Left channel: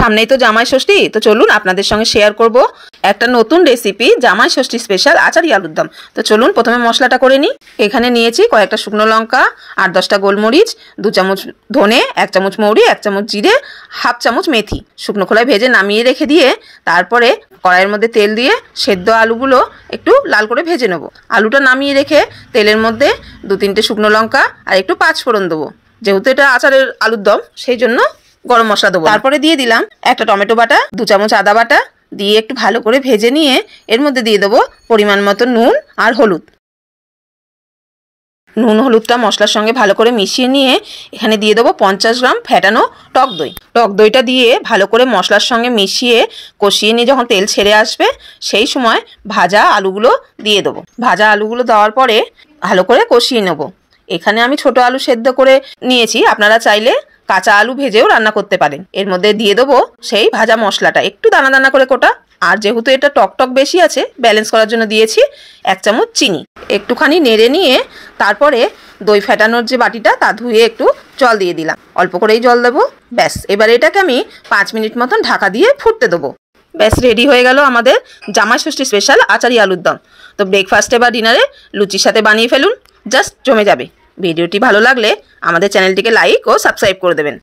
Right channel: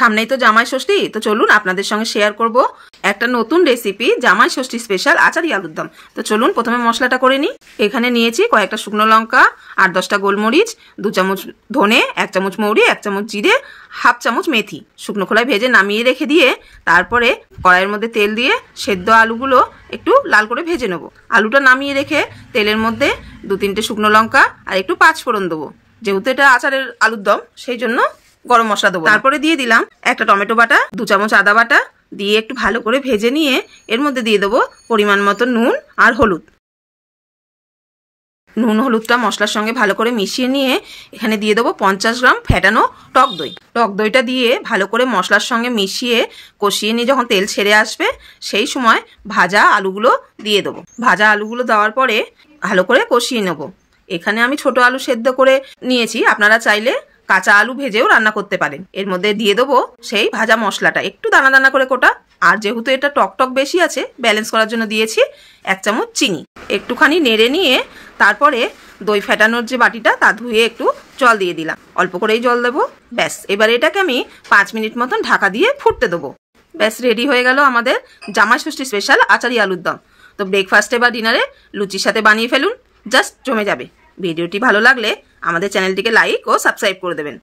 সামনেই তো জামাই ষষ্ঠী, তো চলুন আপনাদের সঙ্গে শেয়ার করব একটা নতুন রেসিপি, জামাই ষষ্ঠী স্পেশাল আচারি আলুর দম। তো চলুন প্রথমে মশলাটা করে নিই। এখানে নিয়েছি কয়েকটা শুকনো লঙ্কা, 8-10টা গোলমরিচ, 2 চামচ ধনে, 1 চামচ মৌরি, 1 চামচ জিরে, হাফ চামচ মেথি শুকনো খোলায় ভেজে নামিয়ে রেখে দিয়ে তারপরে কড়াইয়ের মধ্যে তেল দিয়ে সেদ্ধ আলুগুলো একটু লাল করে ভেজে নেব। আলুটা নামিয়ে রেখে তেলের মধ্যে 2-3টে শুকনো লঙ্কা আর একটু 5 ফোড়ন দেবো। যেহেতু এটা আচারের আলুর দম সেই জন্য গরম মশলা দেবো। তারপরে দিয়ে দিলাম একটা টমেটো বাটা, 2 চামচ আদা বাটা দিয়ে একটু ভালো করে ভেজে নিয়ে এর মধ্যে দিয়ে দেবো পরিমাণ মতো নুন আর হলুদ। নুন হলুদটা মশলার সঙ্গে ভালো করে মিশিয়ে নিয়ে এখানে দিয়ে দেবো 50 গ্রাম ফেটানো টক দই। টক দইটা দিয়ে ভালো করে মশলার সঙ্গে মিশিয়ে কষিয়ে নিয়ে যখন তেল ছেড়ে আসবে সেই সময় ভাজা আলুগুলো দিয়ে দেবো। ভাজা আলুগুলো দেওয়ার পরে ভালো করে কষিয়ে নেবো। এখানে আমি ছোট আলু সেদ্ধ করে নিয়েছি, আপনারা চাইলে কাঁচা আলু ভেজেও রান্না করতে পারেন। এর মধ্যে দিয়ে দেবো সেই ভাজা মশলাটা একটু দানা দানা করে কোটা, আর যেহেতু এটা টক টক বেশি আছে ব্যালেন্স করার জন্য দিয়েছি 1 চামচ চিনি। একটুখানি নেড়ে নিয়ে তারপরে দই ফেটানোর যে বাটিটা তা ধুয়ে একটু জল দিয়ে দিলাম, অল্প করেই জল দেবো। ব্যাস, এবার এটাকে আমি 5 মিনিট মতন ঢাকা দিয়ে ফুটতে দেবো। ব্যাস রেডি হয়ে গেল আমাদের জামাই ষষ্ঠী স্পেশাল আচারি আলুর দম। তো ব্রেকফাস্টে বা ডিনারে লুচির সাথে বানিয়ে ফেলুন, জাস্ট জমে যাবে। ভিডিওটি ভালো লাগলে আমাদের চ্যানেলটিকে লাইক ও সাবস্ক্রাইব করে দেবেন।